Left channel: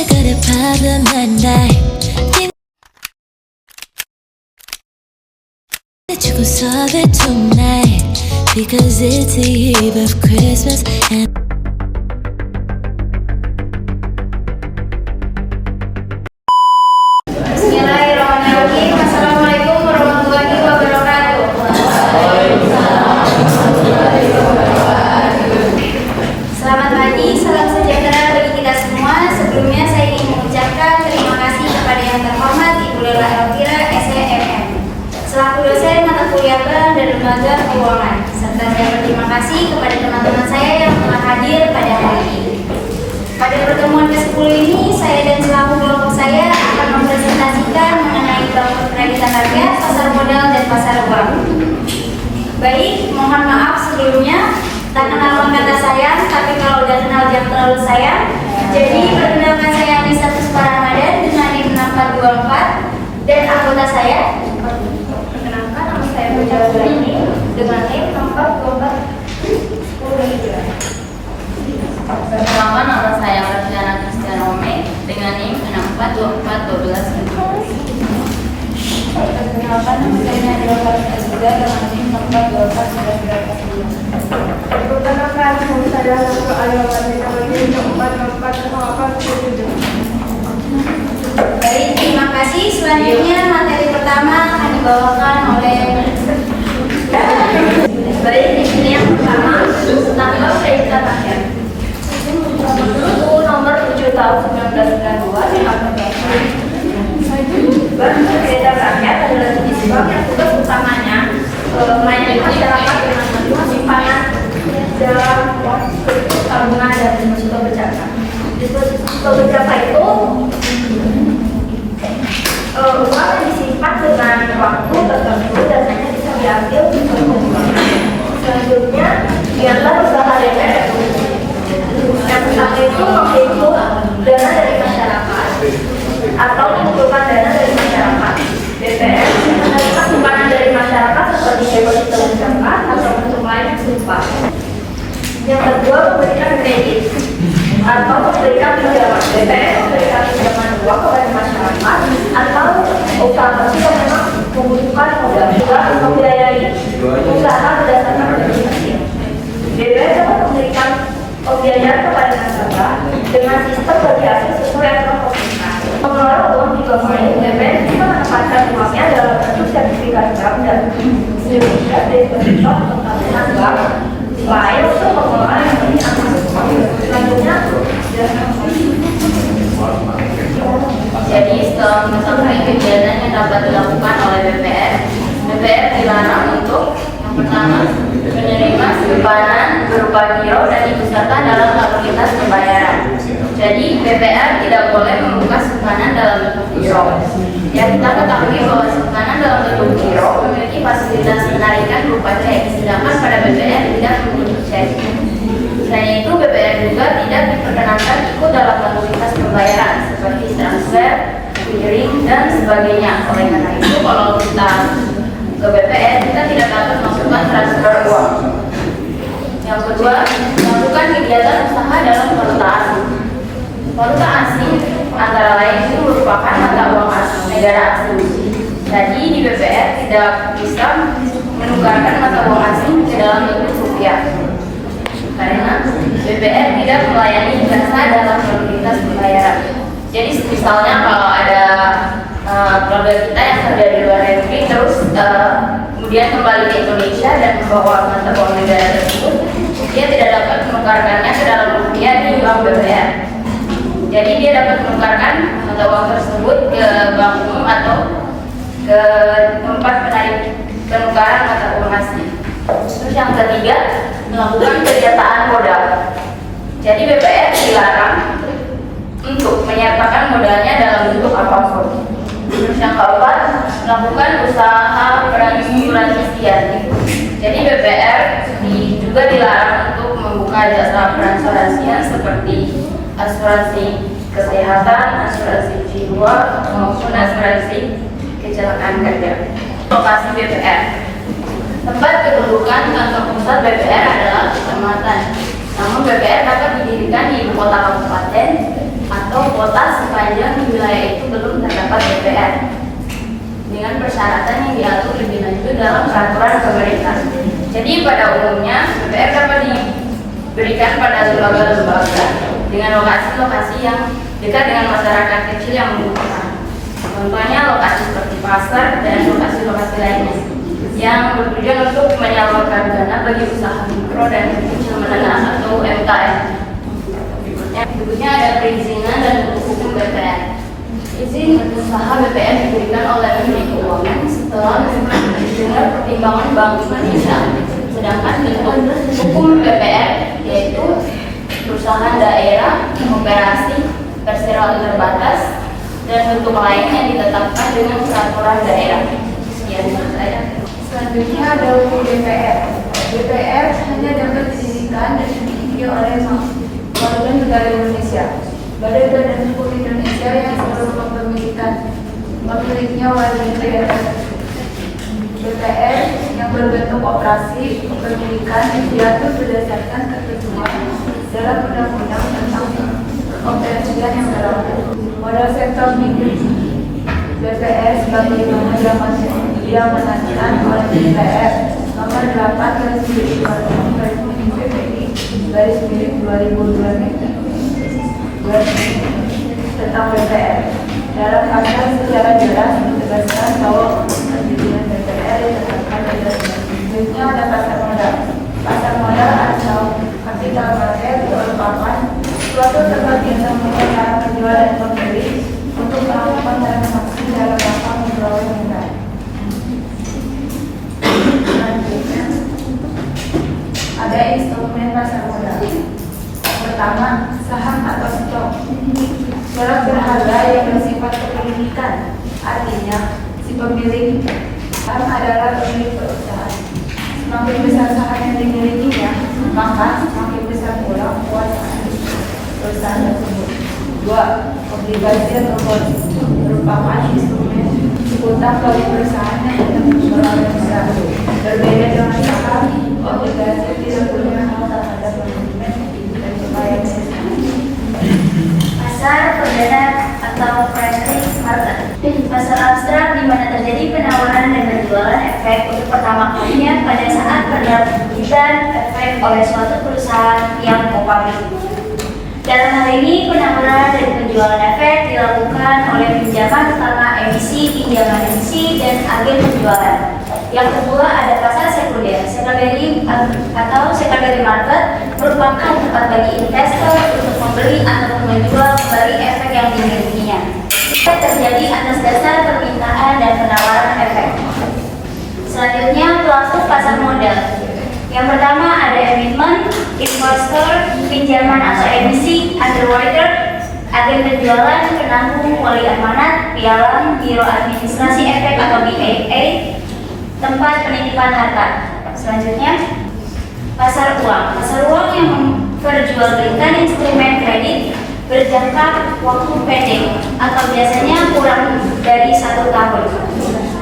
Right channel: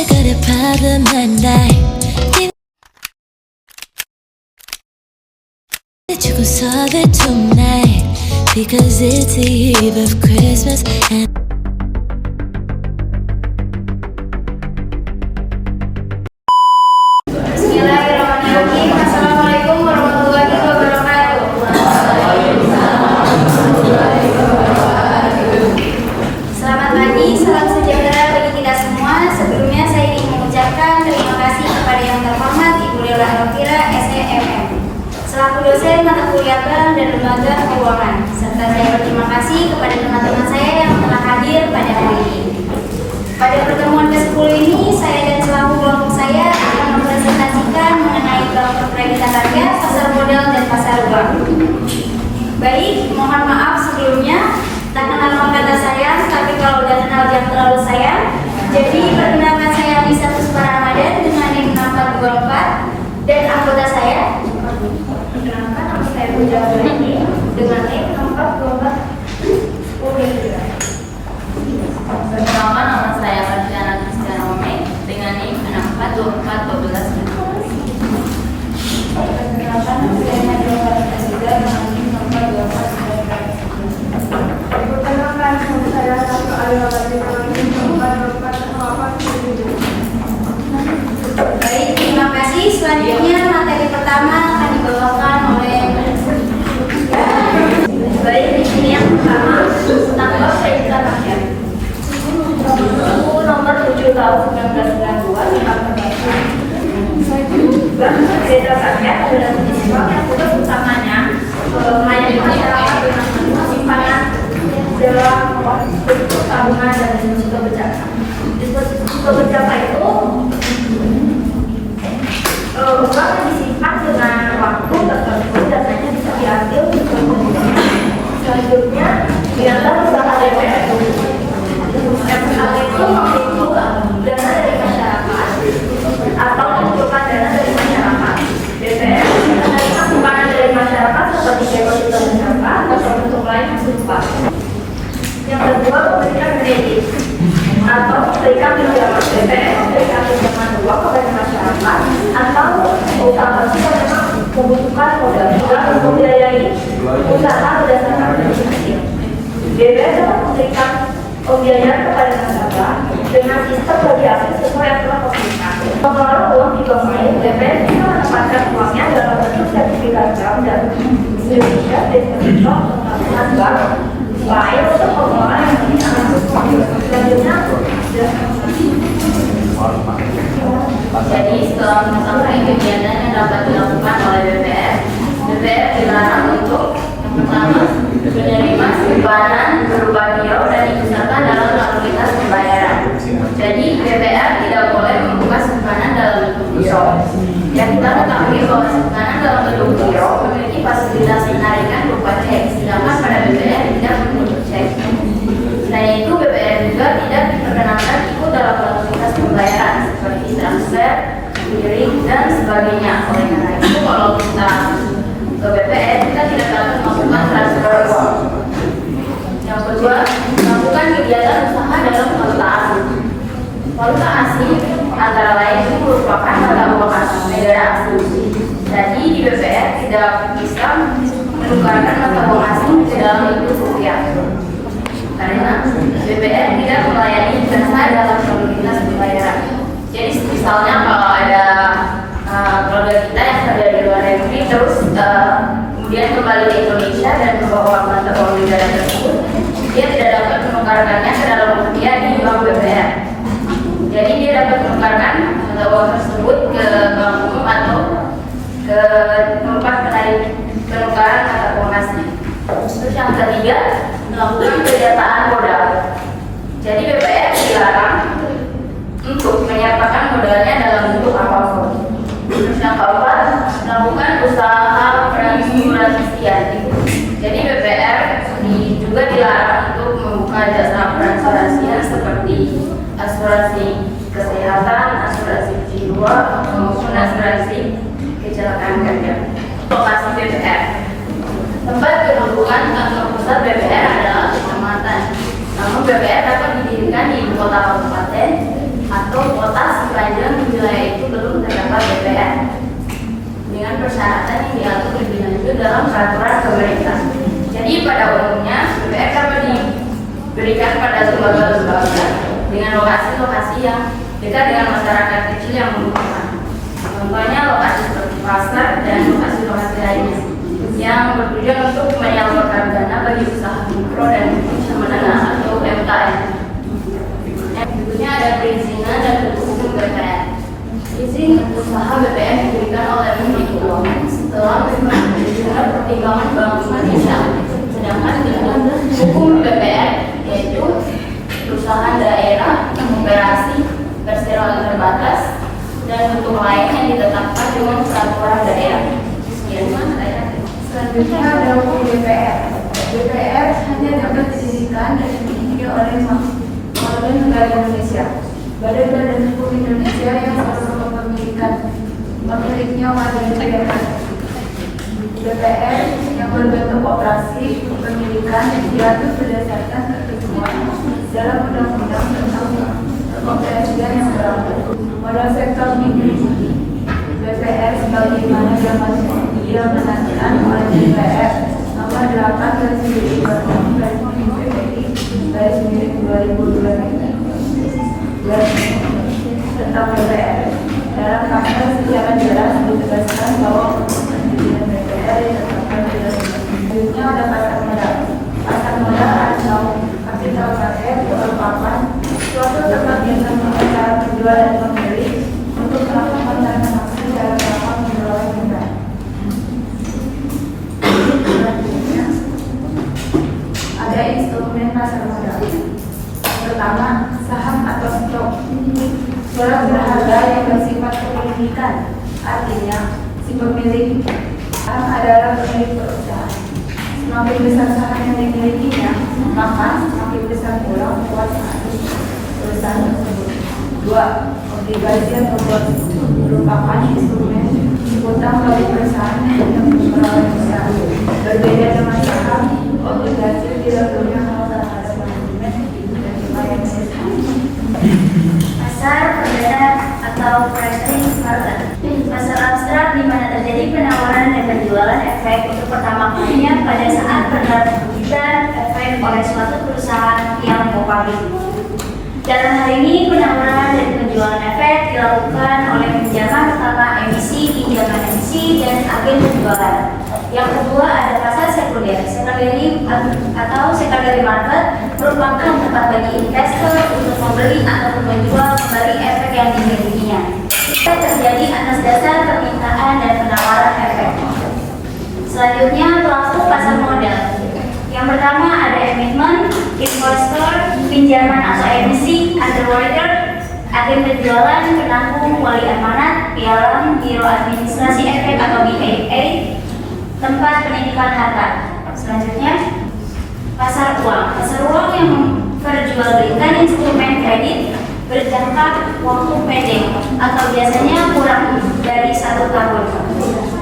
I got a problem and I that you could solve it tonight, because it's the eve of Christmas and Bismillahirrahmanirrahim. Assalamualaikum warahmatullahi wabarakatuh. Selamat pagi, salam sejahtera bagi kita semua. Sebelumnya saya ingin mengucapkan terima kasih kepada yang terhormat Ibu Lela Elvira SEMM selaku dosen mata kuliah bank dan lembaga keuangan, serta saya berterima kasih kepada teman-teman saya yang telah hadir pada hari ini. Pada pertemuan ke-10 ini, saya dan selaku kelompok saya akan mempresentasikan mengenai bank perkreditan rakyat, pasar modal, dan pasar uang. Baik, mohon maaf sebelumnya, tak kenal maka sayang, tapi kalau udah kenal jangan terlalu sayang. Jadi, perkenalkan saya Lisa Puspa Ramadan dengan NIM 6424 dan anggota saya. Perkenalkan, nama saya Puja ini dengan NIM 6424. Perkenalkan, nama saya Marciana Kristiana Ome dengan NIM 642412. Perkenalkan, nama saya Nadila Fatima Azizah dengan NIM 6424. Perkenalkan, nama saya Ratu Ayala dengan NIM 6424. Baik, terima kasih. Selanjutnya materi pertama akan dibawakan oleh baik, di sini yang pertama tentang bank perkreditan rakyat. Buku nomor 7 tahun 1992 yang mengatakan bank perkreditan rakyat adalah jenis bank yang tugas utamanya melayani masyarakat dengan menerima simpanan dalam bentuk tabungan dan deposito berjangka. Deposito berjangka itu uang yang disimpan dengan waktu tertentu dan hanya bisa diambil untuk pembuangan. Selanjutnya, biarlah usaha DPR. Yang pertama itu menghitung dana dari masyarakat atau mengumpulkan dana dari masyarakat. DPR menerima simpanan dari masyarakat seperti deposito berjangka atau bentuk lain yang serupa. Yang kedua, memberikan kredit atau memberikan pinjaman. DPR memberikan pinjaman uang kepada masyarakat atau usaha kecil yang memang membutuhkan modal juga untuk membiayai usaha berdasarkan kredit kecil. DPR dapat memberikan pembiayaan kepada nasabah dengan sistem bagi hasil sesuai aturan pemerintah. Pengelola uang juga baik, DPR bisa menempatkan uangnya dalam bentuk sertifikat bank dan sertifikat deposito atau tabungan bank lain untuk pengelolaan yang lebih aman. Selanjutnya, Jadi setelah mengetahui kegiatan yang dapat dilakukan oleh BPR dilarang untuk yang pertama menerima simpanan berupa giro dan diikutsertakan dalam lalu lintas pembayaran. Jadi BPR tidak boleh membuka simpanan dalam bentuk giro. Yang kita ketahui bahwa simpanan dalam bentuk giro memiliki fasilitas penarikan berupa cek, sedangkan pada BPR tidak memiliki cek. Selain itu, BPR juga tidak diperkenankan ikut dalam lalu lintas pembayaran seperti transfer, clearing, dan sebagainya. Oleh karena itu, kalau kita ke BPR, kita tidak dapat melakukan transfer uang. Yang kedua, melakukan kegiatan usaha dalam valuta asing. Valuta asing antara lain itu merupakan mata uang asing negara asing. Jadi di BPR tidak bisa menukarkan mata uang asing ke dalam bentuk rupiah, karena BPR tidak melayani jasa dalam lalu lintas pembayaran. Jadi misalnya kalau ada keluarga kita yang kerja di luar negeri terus kemudian kembali ke Indonesia dan membawa mata uang negara tersebut, dia tidak dapat menukarkannya ke dalam rupiah di bank BPR. Jadi dia dapat menukarkan mata uang tersebut ke bank umum atau ke tempat penukaran mata uang asing. Terus yang ketiga, melakukan penyertaan modal. Jadi BPR dilarang untuk menyertakan modalnya dalam bentuk apapun. Terus yang keempat, melakukan usaha perasuransian. Jadi BPR juga dilarang untuk membuka jasa perasuransian seperti asuransi kesehatan, asuransi jiwa, maupun asuransi kecelakaan kerja. Lokasi BPR. Tempat kedudukan kantor pusat BPR adalah Kecamatan. Namun BPR dapat didirikan di ibu kota kabupaten atau kota pendapat DPR dengan persyaratan yang diatur lebih lanjut dalam peraturan pemerintah. Jadi pada umumnya DPR dapat diberikan pada lembaga-lembaga dengan lokasi-lokasi yang dekat dengan masyarakat kecil yang membutuhkan. Contohnya lokasi seperti pasar dan lokasi-lokasi lainnya yang bertujuan untuk menyalurkan dana bagi usaha mikro dan kecil menengah atau UMKM. Yang berikutnya ada perizinan dan hukum BPR. Izin usaha BPR diberikan oleh Menteri Keuangan setelah mendengar pertimbangan Bank Indonesia. Sedangkan hukum BPR yaitu perusahaan daerah, operasi, perseroan terbatas, dan bentuk lain yang ditetapkan dengan peraturan daerah. Sekian saya. Selanjutnya ada hukum DPR. DPR hanya dapat didirikan dan dimiliki oleh Parlemen Negara Indonesia. Badan-badan hukum Indonesia yang memilikinya wajib negara. DPR yang berbentuk operasi kepemilikan yang diatur berdasarkan ketentuan dalam Undang-Undang tentang Keoperasian yang berlaku. Pada sektor negeri, DPR sebagaimana yang menandakan oleh DPR nomor 8 garis-miring 2022 tentang DPR. Dalam pasal secara jelas ditegaskan bahwa pendirian DPR ditetapkan dalam selanjutnya ada pasar modal. Pasar modal atau kapital gagal merupakan suatu tempat yang mengenai penjual dan pembeli untuk melakukan transaksi dalam rangka memperoleh modal. Selanjutnya ada instrumen pasar modal. Pertama, saham atau stok. Barang berharga yang bersifat kepemilikan, artinya si pemilik saham adalah pemilik perusahaan. Semakin besar saham yang dimilikinya, maka semakin besar pula kekuasaan perusahaan tersebut. 2. Obligasi atau bond merupakan instrumen utang bagi perusahaan yang memperoleh modal. Berbeda dengan saham, obligasi tidak punya hal terhadap manajemen dan pembayaran sistem. Pasar perdana atau pricing market. Pasar abstrak di mana terjadi penawaran dan penjualan efek untuk pertama kalinya pada saat penerbitan efek oleh suatu perusahaan yang publik. Dalam hal ini, penawaran dan penjualan efek dilakukan oleh pinjaman pertama emisi, pinjaman emisi, dan agen penjualan. Yang kedua ada pasar sekunder. Secondary atau secondary market merupakan tempat bagi investor untuk membeli ataupun menjual kembali efek yang dimilikinya. Efek terjadi atas dasar permintaan dan penawaran efek. Selanjutnya pelaku pasar modal. Yang pertama ada emittment, investor, pinjaman atau emisi, underwriter, agen penjualan, penanggung, wali amanat, pialang, biro administrasi efek atau BAA, tempat penitipan harta. Selanjutnya pasar uang. Pasar uang yang memperjualbelikan instrumen kredit berjangka waktu pendek atau biasanya kurang dari 1 tahun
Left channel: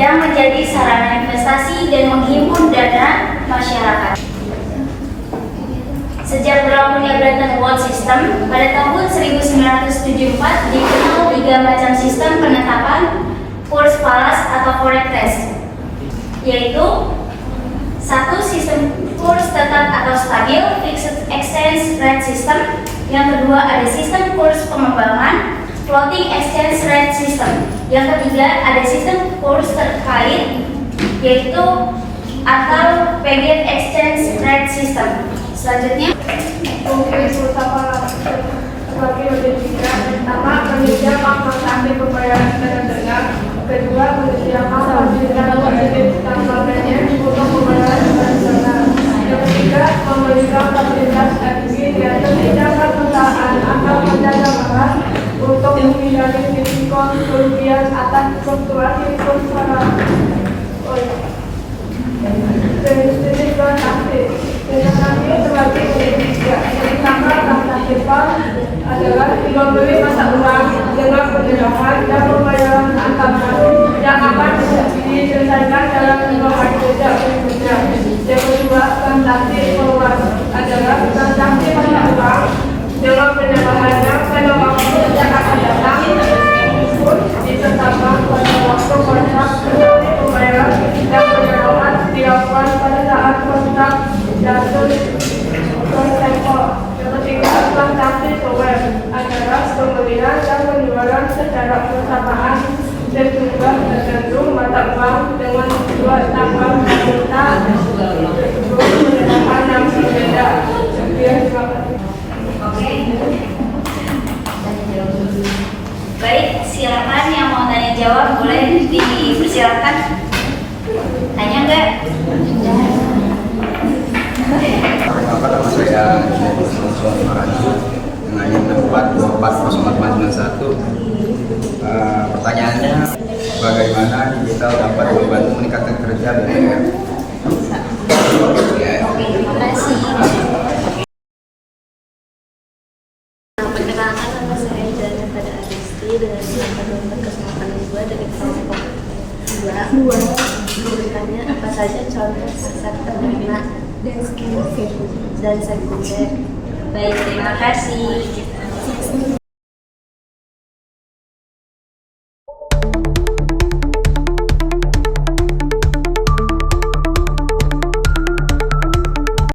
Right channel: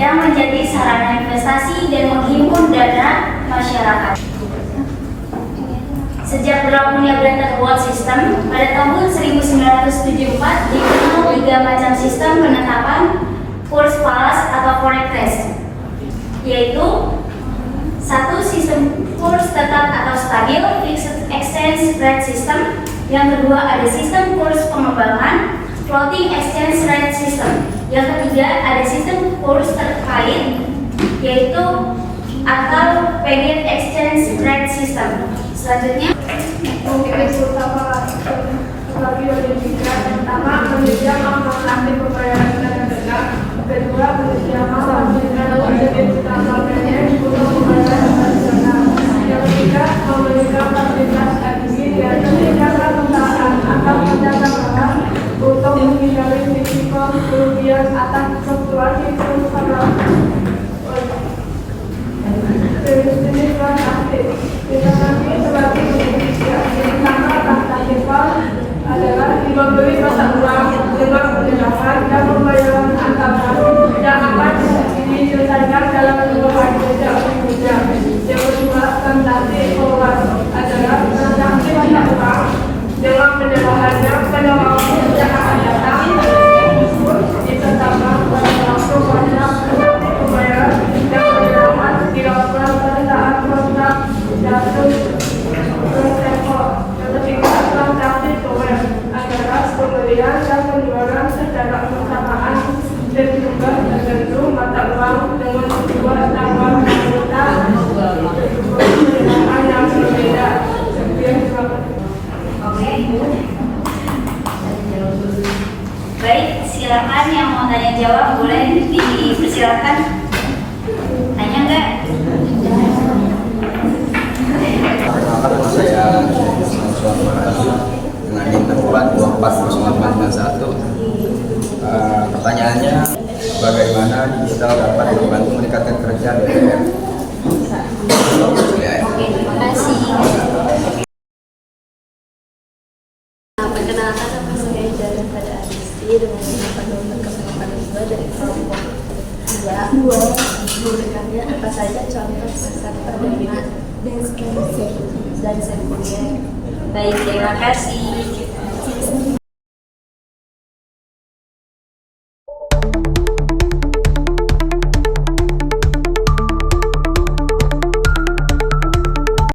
yang menjadi sarana investasi dan menghimpun dana masyarakat. Sejak berlakunya Bretton Woods System pada tahun 1974 dikenal 3 macam sistem penetapan kurs falas atau forex rate, yaitu 1. Sistem kurs tetap atau stabil fixed exchange rate system. Yang kedua ada sistem kurs pengembangan floating exchange rate system. Yang ketiga ada sistem kurs terkait yaitu atau paget exchange rate system. Selanjutnya Mungkin utama terlebih dari tiga. Pertama, menyediakan transaksi pembayaran secara tegak. Kedua, menyediakan fasilitas untuk pembayaran tradisional. Yang ketiga, memberikan fasilitas admin dan tindakan perusahaan atau penjaga barang untuk menghindari risiko kerugian atas fluktuasi kurs pada jenis transaksi. Transaksi terbagi menjadi 3. Yang pertama, transaksi bank adalah jual beli mata uang dengan perjalanan dan pembayaran antar bank yang akan diselesaikan dalam jumlah hari jejak berikutnya. Yang kedua, transaksi forward adalah transaksi mata uang dengan penjelasannya pada waktu yang akan datang pun ditetapkan pemberian dan penjualan secara bersamaan sejumlah tertentu mata uang dengan tujuan tambah valuta penggunaan yang berbeda. Sekian, terima kasih. Oke. Baik, silakan yang mau tanya jawab boleh dipersilakan. Tanya enggak? Perkenalkan, nama saya Joshua Marani dengan NIM 64240891. Pertanyaannya, bagaimana digital dapat membantu meningkatkan kerja DPR? Ya. Oke, terima kasih. Perkenalkan, nama saya Jana pada Adisti dengan nomor 8482 dari kelompok 2. Memberikannya apa saja contoh pasar perdana dan sekunder. Baik, terima kasih.